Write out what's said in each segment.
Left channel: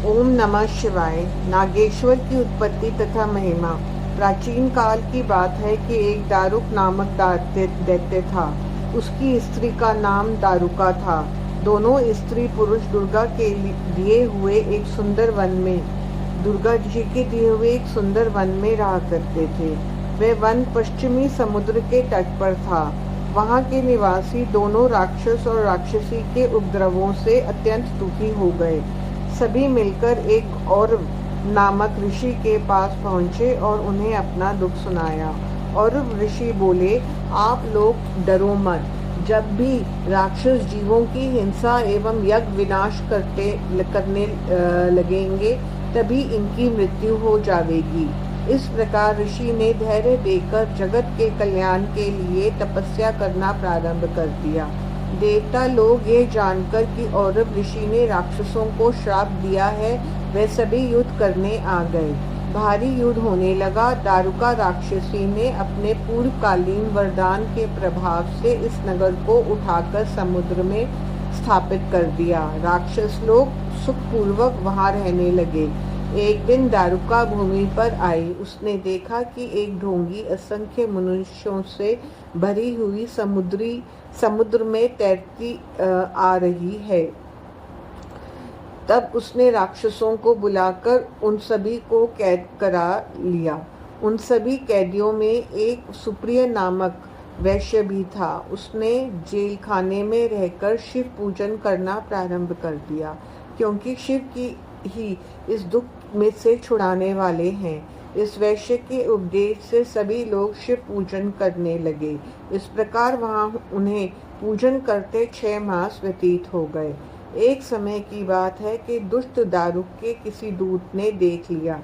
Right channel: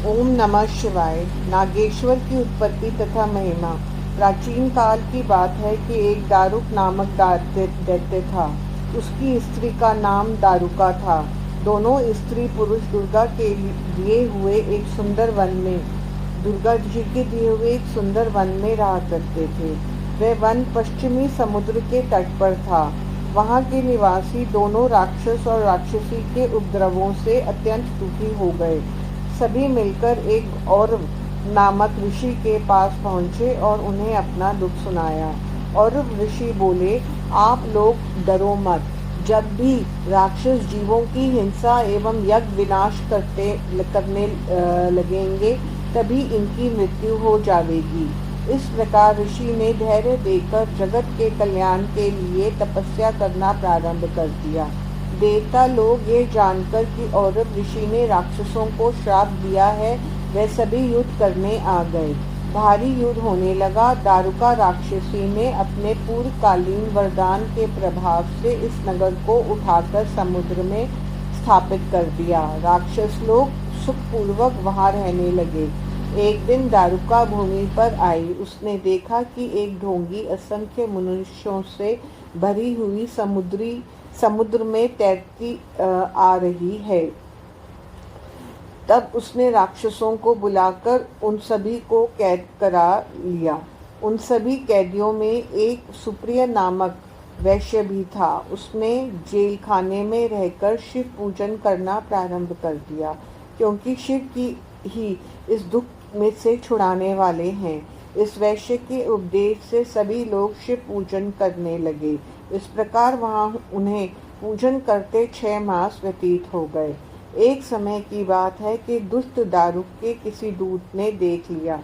ओम नमः शिवाय। नागेश्वर की उत्पत्ति तथा महिमा। प्राचीन काल की बात है कि एक दारुक नामक दैत्य था। उसकी स्त्री का नाम दारुका था। दोनों स्त्री पुरुष दुर्गा के दिए हुए एक सुंदर वन में दुर्गा जी के दिए हुए एक सुंदर वन में रहा करते थे। वह वन पश्चिमी समुद्र के तट पर था। वहाँ के निवासी दोनों राक्षस और राक्षसी के उपद्रवों से अत्यंत दुखी हो गए। सभी मिलकर एक और नामक ऋषि के पास पहुँचे और उन्हें अपना दुख सुनाया। और ऋषि बोले, आप लोग डरो मत। जब भी राक्षस जीवों की हिंसा एवं यज्ञ विनाश करने लगेंगे, तभी इनकी मृत्यु हो जाएगी। इस प्रकार ऋषि ने धैर्य देकर जगत के कल्याण के लिए तपस्या करना प्रारंभ कर दिया। देवता लोग ये जानकर कि औरव ऋषि ने राक्षसों को श्राप दिया है, वे सभी युद्ध करने आ गए। भारी युद्ध होने लगा। दारुका राक्षसी ने अपने पूर्वकालीन वरदान के प्रभाव से इस नगर को उठाकर समुद्र में स्थापित कर दिया। राक्षस लोग सुखपूर्वक वहां रहने लगे। एक दिन दारुका भूमि पर आई। उसने देखा कि एक ढोंगी असंख्य मनुष्यों से भरी हुई समुद्र में तैरती आ रही है। तब उसने राक्षसों को बुलाकर उन सभी को कैद करा लिया। उन सभी कैदियों में एक सुप्रिय नामक वैश्य भी था। उसने जेल खाने में रहकर शिव पूजन करना प्रारंभ कर दिया, क्योंकि शिव की ही इस दुख में से छुड़ाने वाले हैं। इस वैश्य के उपदेश से सभी लोग शिव पूजन करने लगे। इस प्रकार वहां उन्हें पूजन करते 6 मास व्यतीत हो गए। एक समय की बात है कि दुष्ट दारुक के किसी दूत ने देख लिया।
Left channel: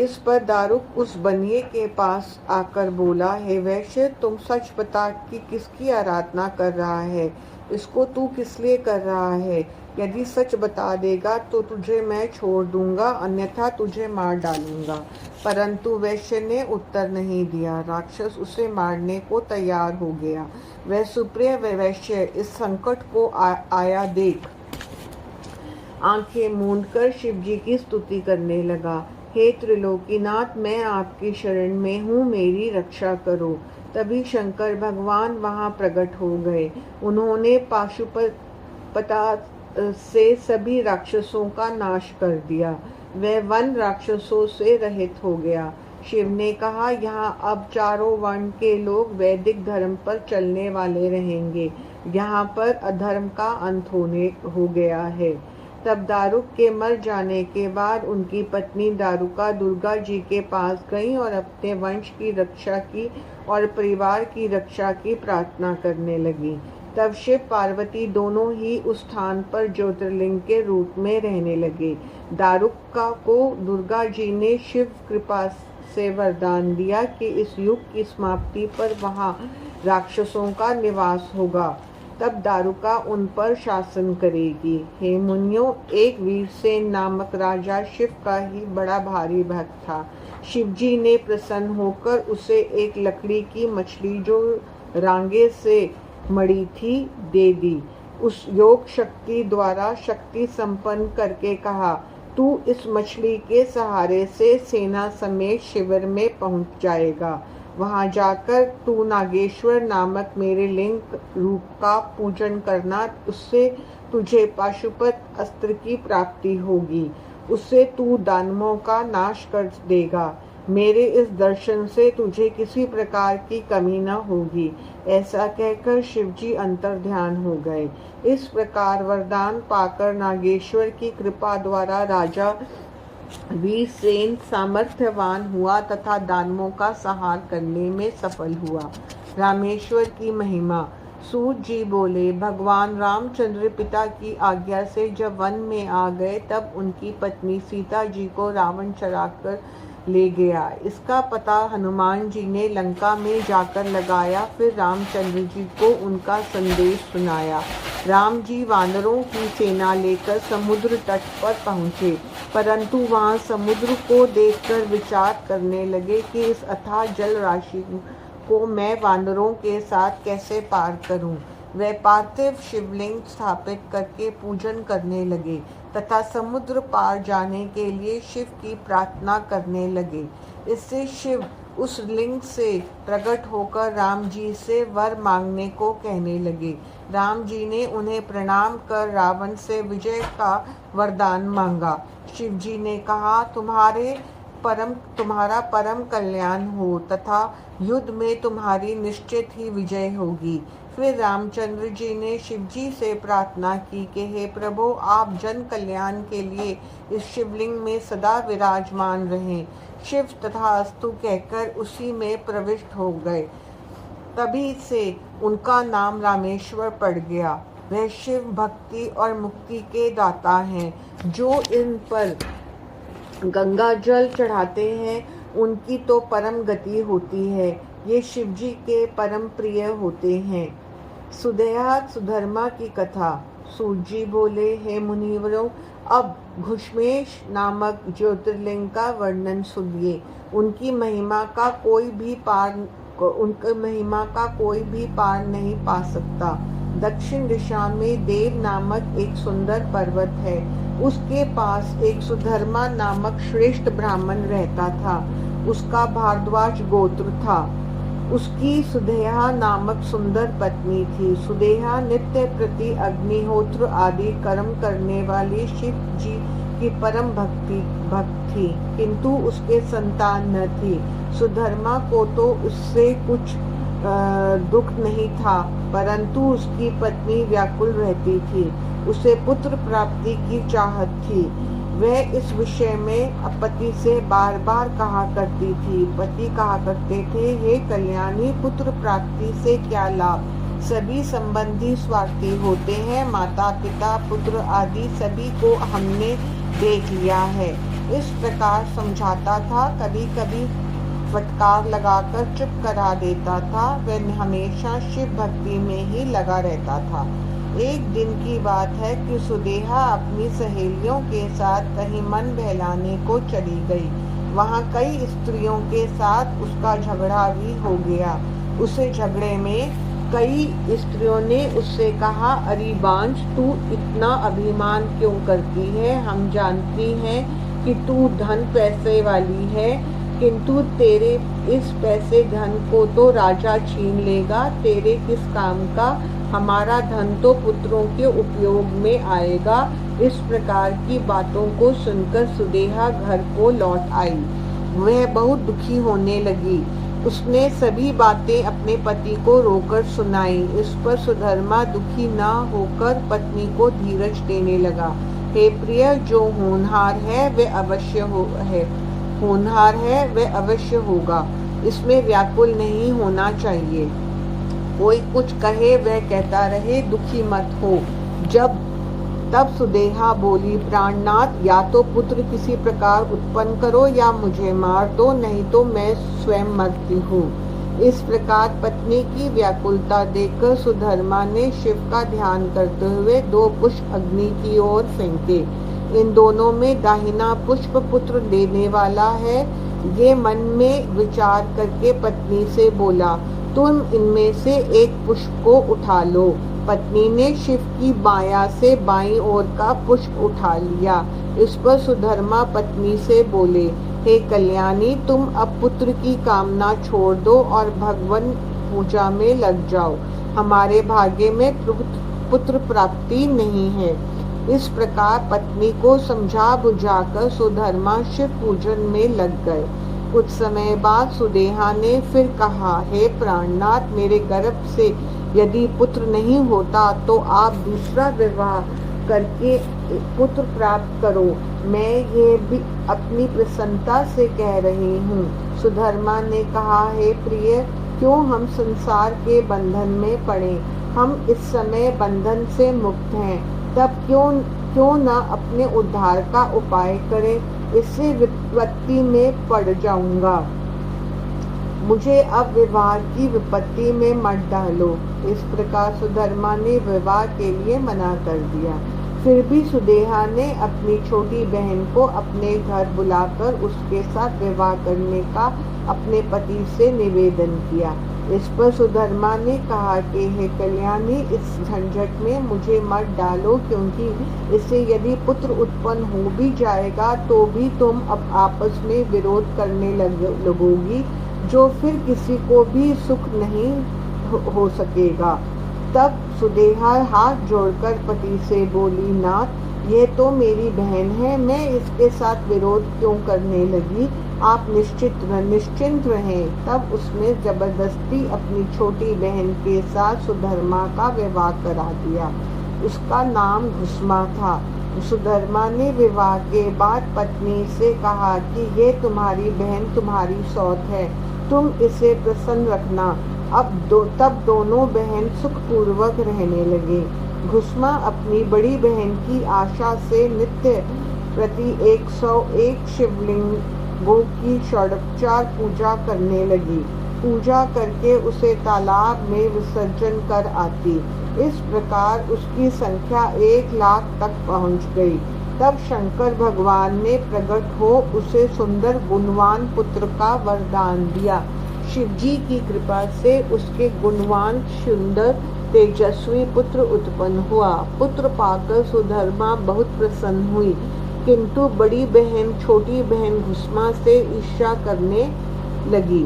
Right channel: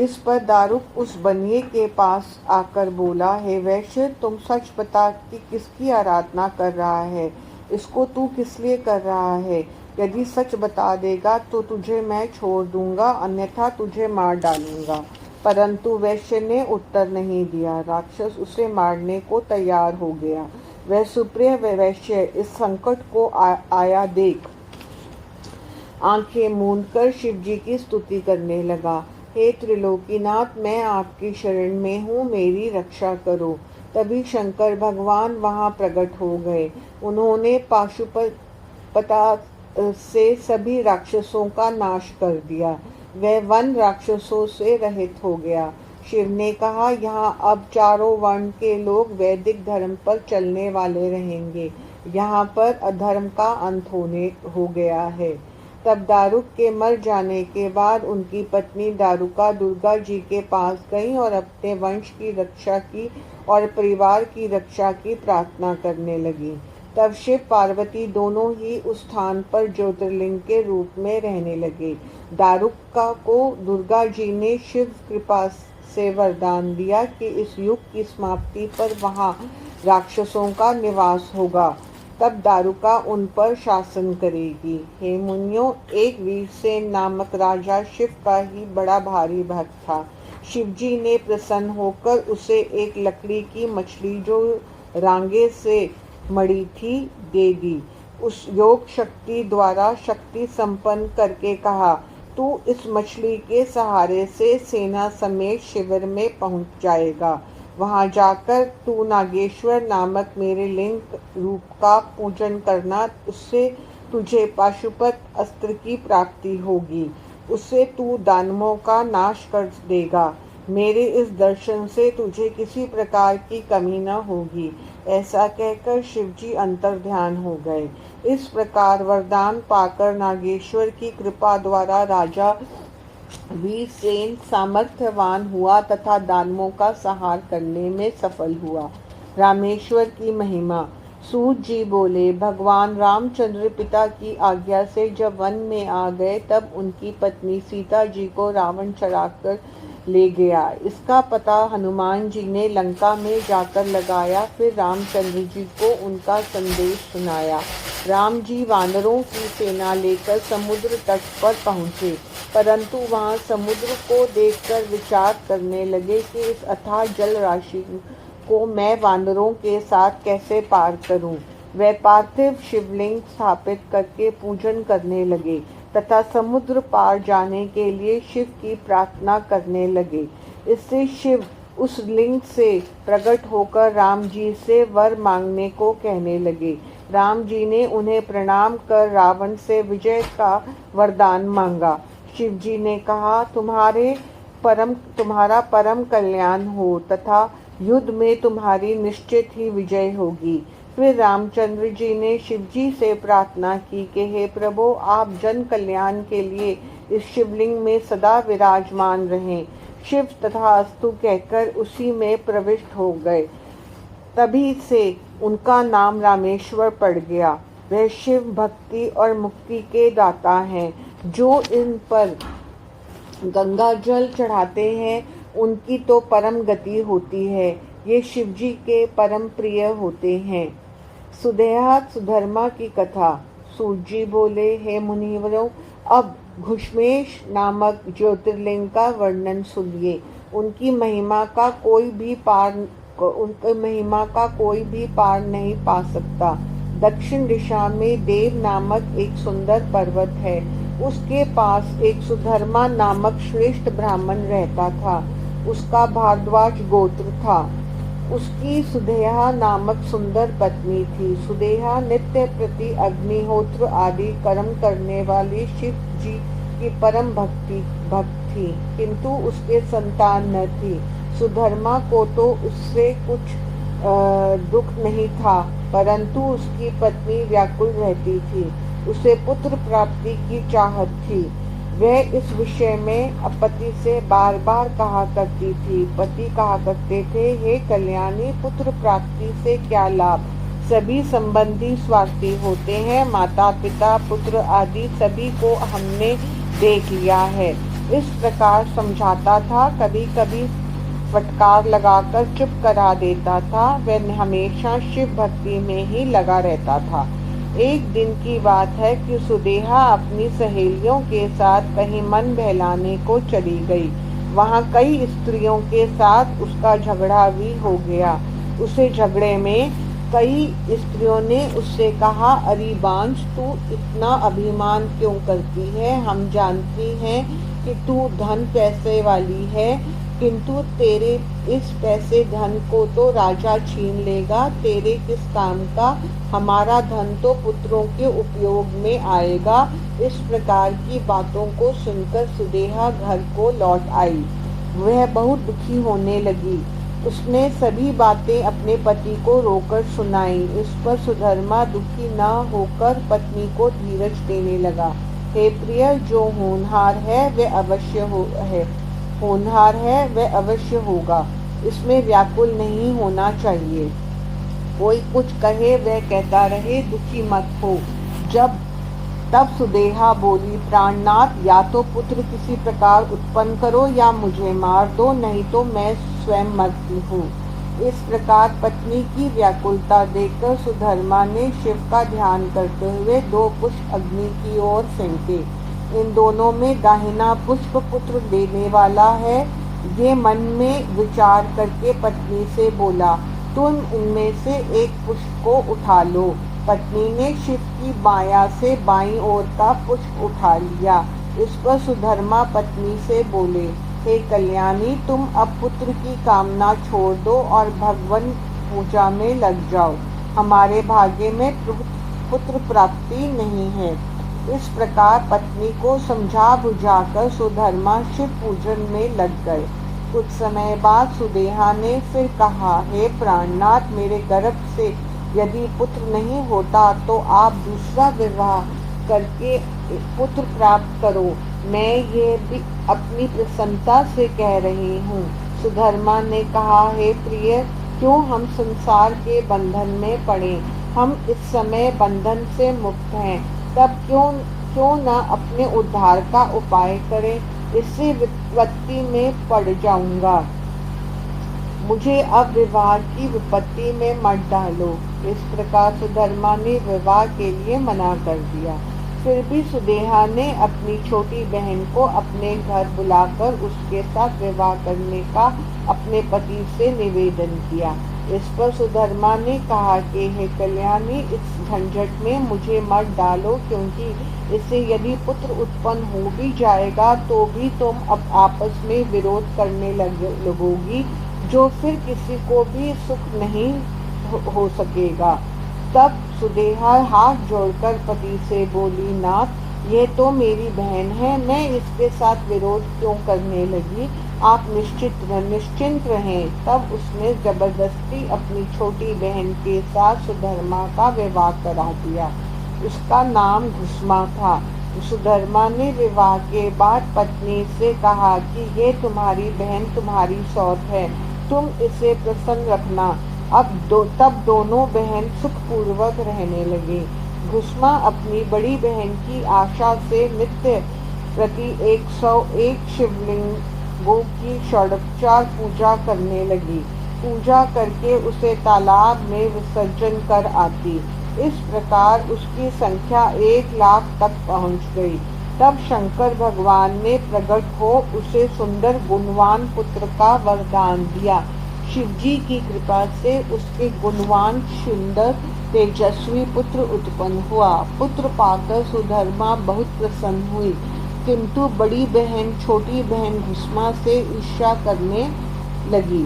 इस पर दारुक उस बनिए के पास आकर बोला, हे वैश्य, तुम सच बता कि किसकी आराधना कर रहा है? इसको तू किस लिए कर रहा है? यदि सच बता देगा तो तुझे मैं छोड़ दूंगा, अन्यथा तुझे मार डालूंगा। परंतु वैश्य ने उत्तर नहीं दिया। राक्षस उसे मारने को तैयार हो गया। वह सुप्रिय वैश्य इस संकट को आया देख आंखें मूंदकर शिव जी की स्तुति करने लगा। हे त्रिलोकीनाथ, मैं आपकी शरण में हूँ, मेरी रक्षा करो। तभी शंकर भगवान वहां प्रकट हो गए। उन्होंने पाशुपता से सभी राक्षसों का नाश कर दिया। वह वन राक्षसों से रहित हो गया। शिव ने कहा, यहाँ अब चारों वर्ण के लोग वैदिक धर्म पर चलने वाले रहेंगे। यहाँ पर अधर्म का अंत हो गया है। तब दारुक के मर जाने के बाद उनकी पत्नी दारुका दुर्गा जी के पास गई और अपने वंश की रक्षा की और परिवार की रक्षा की प्रार्थना करने लगी। तब शिव पार्वती दोनों ही उस स्थान पर ज्योतिर्लिंग के रूप में रहने लगे। दारुका को दुर्गा जी ने शिव कृपा से वरदान दिया कि इस युग की समाप्ति पर वहां राक्षसों का निवास होगा। तब दारुका उन पर शासन करेगी। हे मुनियों, एक वीरसेन नामक राजा शिव का ही बड़ा भारी भक्त था। शिव जी ने प्रसन्न होकर उसे एक लकड़ी की मछली जो रांगे से मड़ी थी दे दी। उस योग शक्ति द्वारा शक्ति संपन्न करके कहा, तू इस मछली के सहारे से सेना समेत शिविर में पहुंच जाएगा। वहां जाकर तू नागेश्वर नामक मेरे लिंग रूप का पूजन करना। उससे तुझे पाशुपत अस्त्र की प्राप्ति होगी। उससे तू दानवों का नाश कर देगा। मेरे इस दर्शन से तुझे किसी प्रकार की कमी न होगी। ऐसा कहकर शिवजी अंतर्ध्यान हो गए। इस प्रकार वरदान पाकर नागेश्वर की कृपा द्वारा राजा वीरसेन सामर्थ्यवान हुआ तथा दानवों का संहार करने में सफल हुआ। रामेश्वर की महिमा। सूत जी बोले, भगवान रामचंद्र पिता की आज्ञा से जब वन में आ गए, तब उनकी पत्नी सीता जी को रावण चराकर ले गया। इसका पता हनुमान जी ने लंका में जाकर लगाया। फिर रामचंद्र जी को उनका संदेश सुनाया। राम जी वानरों की सेना लेकर समुद्र तट पर पहुँचे, परंतु वहां समुद्र को देखकर विचार करने लगे कि इस अथाह जल राशि को मैं वानरों के साथ कैसे पार करूं। वे पार्थिव शिवलिंग स्थापित करके पूजन करने लगे। तथा समुद्र पार जाने के लिए शिव की प्रार्थना करने लगे। इससे शिव उस लिंग से प्रकट होकर राम जी से वर मांगने को कहने लगे। राम जी ने उन्हें प्रणाम कर रावण से विजय का वरदान मांगा। शिव जी ने कहा, तुम्हारा परम कल्याण हो तथा युद्ध में तुम्हारी निश्चित ही विजय होगी। फिर रामचंद्र जी ने शिव जी से प्रार्थना की कि हे प्रभु, आप जन कल्याण के लिए इस शिवलिंग में सदा विराजमान रहें। शिव तथास्तु कहकर उसी में प्रविष्ट हो गए। तभी से उनका नाम रामेश्वर पड़ गया। वह शिव भक्ति और मुक्ति के दाता हैं। जो इन पर गंगा जल चढ़ाते हैं उनकी तो परम गति होती है। ये शिव जी के परम प्रिय होते हैं। सुदेहा सुधर्मा की कथा। सूत जी बोले, हे मुनिवरों, अब घुश्मेश नामक ज्योतिर्लिंग का वर्णन सुनिए। उनकी महिमा का कोई भी पार नहीं पा सकता। दक्षिण दिशा में देव नामक एक सुंदर पर्वत है। उसके पास एक सुधर्मा नामक श्रेष्ठ ब्राह्मण रहता था। उसका भारद्वाज गोत्र था। उसकी सुदेहा नामक सुंदर पत्नी थी। सुदेहा नित्य प्रति अग्निहोत्र आदि कर्म करने वाली शिव जी की परम भक्त थी, किंतु उसके संतान न थी। सुधर्मा को तो उससे कुछ दुख नहीं था, परंतु उसकी पत्नी व्याकुल रहती थी। उसे पुत्र प्राप्ति की चाहत थी। वह इस विषय में पति से बार बार कहा करती थी। पति कहा करते थे, हे कल्याणी, पुत्र प्राप्ति से क्या लाभ? सभी संबंधी स्वार्थी होते हैं। माता पिता पुत्र आदि सभी को हमने देख लिया है। इस प्रकार समझाता था। कभी कभी फटकार लगाकर चुप करा देता था। वह हमेशा शिव भक्ति में ही लगा रहता था। एक दिन की बात है कि सुदेहा अपनी सहेलियों के साथ कहीं मन बहलाने को चली गई। वहां कई स्त्रियों के साथ उसका झगड़ा भी हो गया। उसे झगड़े में कई स्त्रियों ने उससे कहा, अरे बांझ, तू इतना अभिमान क्यों करती है? हम जानती हैं कि तू धन पैसे वाली है, किंतु तेरे इस पैसे धन को तो राजा छीन लेगा। तेरे किस काम का? हमारा धन तो पुत्रों के उपयोग में आएगा। इस प्रकार की बातों को सुनकर सुदेहा घर को लौट आई। वह बहुत दुखी होने लगी। उसने सभी बातें अपने पति को रोकर सुनाई। इस पर सुधर्मा दुखी न होकर पत्नी को धीरज देने लगा। हे प्रिय, जो होनहार है वह अवश्य होगा। इसमें व्याकुल नहीं होना चाहिए। कोई कुछ कहे वह कहता रहे, दुखी मत हो। तब सुदेहा बोली, प्राणनाथ, या तो पुत्र किसी प्रकार उत्पन्न करो या मुझे मार दो, नहीं तो मैं स्वयं मरती हूँ। इस प्रकार पत्नी की व्याकुलता देखकर सुधर्मा ने शिव का ध्यान करते हुए 2 पुष्प अग्नि की ओर फेंके। इन दोनों में दाहिना पुष्प पुत्र देने वाला है। ये मन में विचार करके पत्नी से बोला, तुम इनमें से एक पुष्प को उठा लो। पत्नी ने शिव की माया से बाईं ओर का पुष्प उठा लिया। इस पर सुधर्मा पत्नी से बोले, हे कल्याणी, तुम अब पुत्र की कामना छोड़ दो और भगवान पूजा में लग जाओ। हमारे भाग्य में पुत्र प्राप्ति नहीं है। इस प्रकार पत्नी को समझा बुझाकर सुधर्मा शिव पूजन में लग गए। कुछ समय बाद सुदेहा ने फिर कहा, हे प्राणनाथ, मेरे गर्भ से यदि पुत्र नहीं होता तो आप दूसरा विवाह करके पुत्र प्राप्त करो। मैं ये भी अपनी प्रसन्नता से कह रही हूँ। सुधर्मा ने कहा, हे प्रिय, क्यों हम संसार के बंधन में पड़े? हम इस समय बंधन से मुक्त हैं। तब क्यों न अपने उद्धार का उपाय करें? इससे विपत्ति में पड़ जाऊंगा। मुझे अब विवाह की विपत्ति में मत डालो। इस प्रकार सुधर्मा ने विवाह के लिए मना कर दिया। फिर भी सुदेहा ने अपनी छोटी बहन को अपने घर बुलाकर उसके साथ विवाह करने का अपने पति से निवेदन किया। इस पर सुधर्मा ने कहा कि हे कल्याणी, इस झंझट में मुझे मत डालो, क्योंकि इससे यदि पुत्र उत्पन्न हो भी जाएगा तो भी तुम अब आपस में विरोध करने लगोगी, जो फिर किसी को भी सुख नहीं हो सकेगा। तब सुदेहा हाथ जोड़कर पति से बोली, नाथ, ये तो मेरी बहन है, मैं इसके साथ विरोध क्यों करने लगी? आप निश्चिंत रहें। तब उसने जबरदस्ती अपनी छोटी बहन के साथ सुधर्मा का विवाह करा दिया। उसका नाम घुष्मा था। सुधर्मा ने विवाह के बाद पत्नी से कहा कि ये तुम्हारी बहन तुम्हारी सौत है, तुम इसे प्रसन्न रखना। तब दोनों बहन सुखपूर्वक रहने लगे। घुष्मा अपनी बड़ी बहन की आशा से नित्य प्रति 101 शिवलिंगों की षोडशोपचार पूजा करने लगी। पूजा करके उसे तालाब में विसर्जन कर आती। इस प्रकार उसकी संख्या 1 लाख तक पहुंच गई। तब शंकर भगवान ने प्रकट हो उसे सुंदर गुणवान पुत्र का वरदान दिया। शिवजी की कृपा से उसके गुणवान सुंदर तेजस्वी पुत्र उत्पन्न हुआ। पुत्र पाकर सुधर्मा बहुत प्रसन्न हुई, किंतु बड़ी बहन छोटी बहन घुष्मा से ईर्ष्या करने लगी।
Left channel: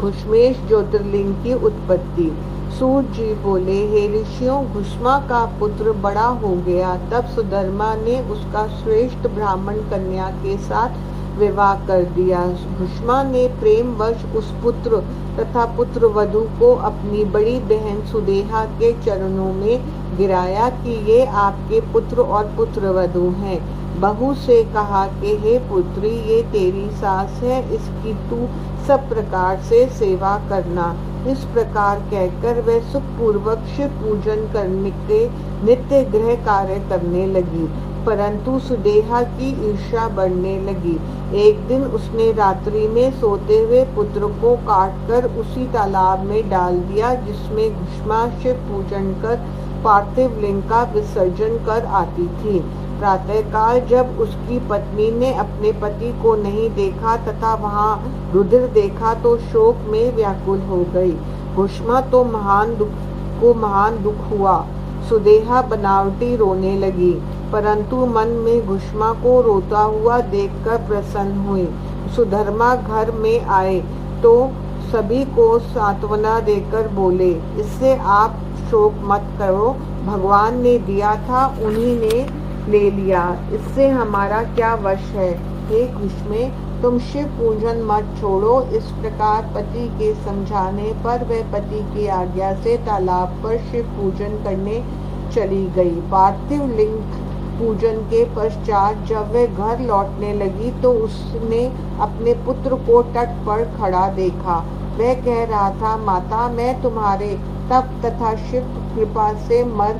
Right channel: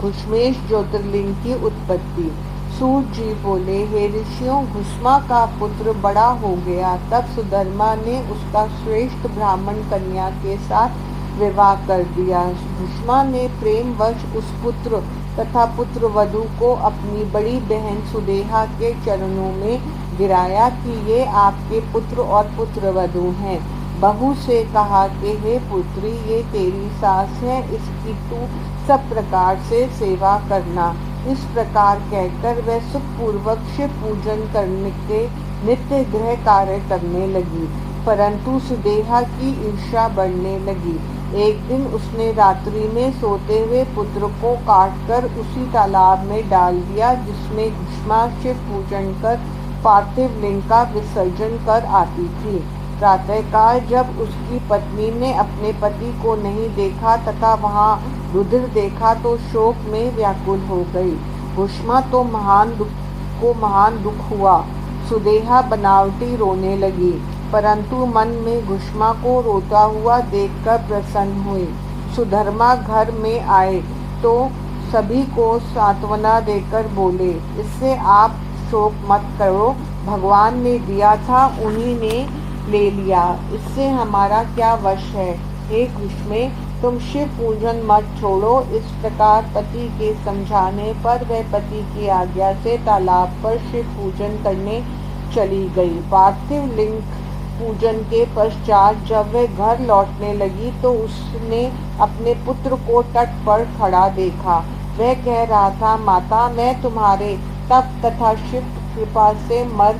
घुष्मेश ज्योतिर्लिंग की उत्पत्ति। सूर्य जी बोले, हे ऋषियों, घुष्मा का पुत्र बड़ा हो गया। तब सुधर्मा ने उसका श्रेष्ठ ब्राह्मण कन्या के साथ विवाह कर दिया। घुष्मा ने प्रेमवश उस पुत्र तथा पुत्र वधू को अपनी बड़ी बहन सुदेहा के चरणों में गिराया कि ये आपके पुत्र और पुत्र वधू हैं। बहू से कहा कि हे पुत्री, ये तेरी सास है, इसकी तू सब प्रकार से सेवा करना। इस प्रकार कहकर वह सुखपूर्वक शिव पूजन करने के नित्य गृह कार्य करने लगी। परंतु सुदेहा की ईर्ष्या बढ़ने लगी। एक दिन उसने रात्रि में सोते हुए पुत्र को काटकर उसी तालाब में डाल दिया जिसमें घुष्मा शिव पूजन कर पार्थिव लिंग का विसर्जन कर आती थी। प्रातःकाल जब उसकी पत्नी ने अपने पति को नहीं देखा तथा वहां रुधिर देखा तो शोक में व्याकुल हो गई। घुष्मा तो महान दुख हुआ। सुदेहा बनावटी रोने लगी, परंतु मन में घुष्मा को रोता हुआ देखकर प्रसन्न हुई। सुधर्मा घर में आए तो सभी को सांत्वना देकर बोले, इससे आप शोक मत करो, भगवान ने दिया था उन्हीं ने ले लिया, इससे हमारा क्या वश है। हे घुष्मे, तुम शिव पूजन मत छोड़ो। इस प्रकार पति के समझाने पर वह पति की आज्ञा से तालाब पर शिव पूजन करने चली गई। पार्थिव लिंग पूजन के पश्चात जब वह घर लौटने लगी तो उसने अपने पुत्र को तट पर खड़ा देखा। वह कह रहा था, माता, मैं तुम्हारे तप तथा शिव कृपा से मर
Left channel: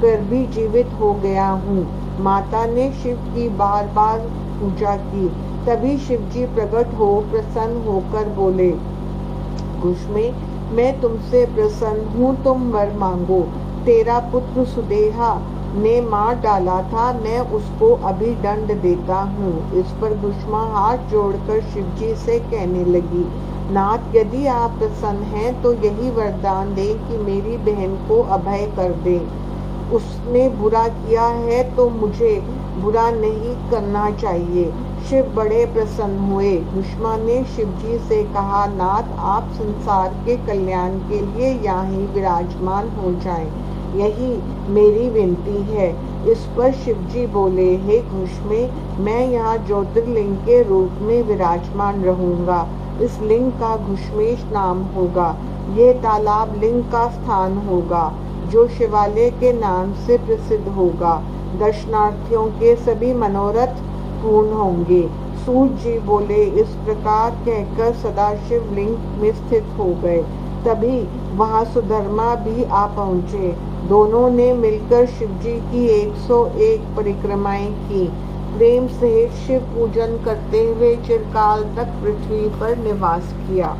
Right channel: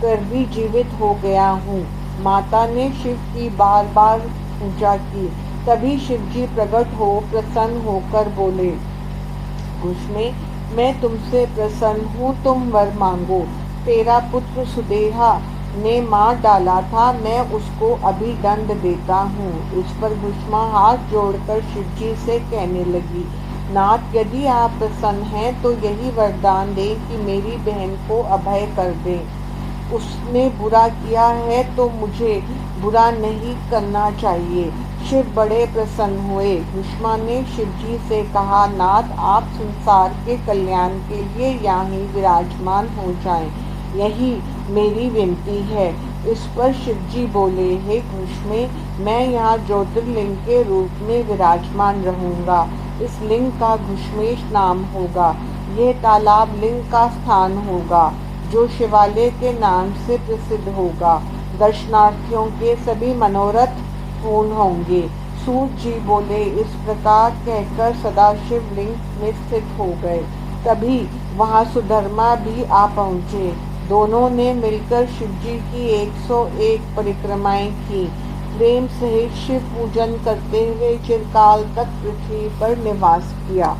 कर भी जीवित हो गया हूँ। माता ने शिव की बार बार पूजा की। तभी शिवजी प्रकट हो प्रसन्न होकर बोले, घुष्मे, मैं तुमसे प्रसन्न हूँ, तुम वर मांगो। तेरा पुत्र सुदेहा ने मार डाला था, मैं उसको अभी दंड देता हूँ। इस पर घुष्मा हाथ जोड़कर शिवजी से कहने लगी, नाथ, यदि आप प्रसन्न हैं तो यही वरदान दें कि मेरी बहन को अभय कर दे। उसने बुरा किया है तो मुझे बुरा नहीं करना चाहिए। शिव बड़े प्रसन्न हुए। घुष्मा ने शिवजी से कहा, नाथ, आप संसार के कल्याण के लिए यहाँ ही विराजमान हो जाएं, यही मेरी विनती है। इस पर शिवजी बोले, हे घुष्मे, मैं यहाँ ज्योतिर्लिंग के रूप में विराजमान रहूंगा। इस लिंग का घुष्मेश नाम होगा। ये तालाब लिंग का स्थान होगा जो शिवालय के नाम से प्रसिद्ध होगा। दर्शनार्थियों के सभी मनोरथ पूर्ण होंगे। सूर्य जी बोले, इस प्रकार कहकर सदाशिव लिंग में स्थित हो गए। तभी वहां सुधर्मा भी आ पहुँचे। दोनों ने मिलकर शिवजी की 101 परिक्रमाएं की। प्रेम सहित शिव पूजन करते हुए चिरकाल तक पृथ्वी पर निवास किया।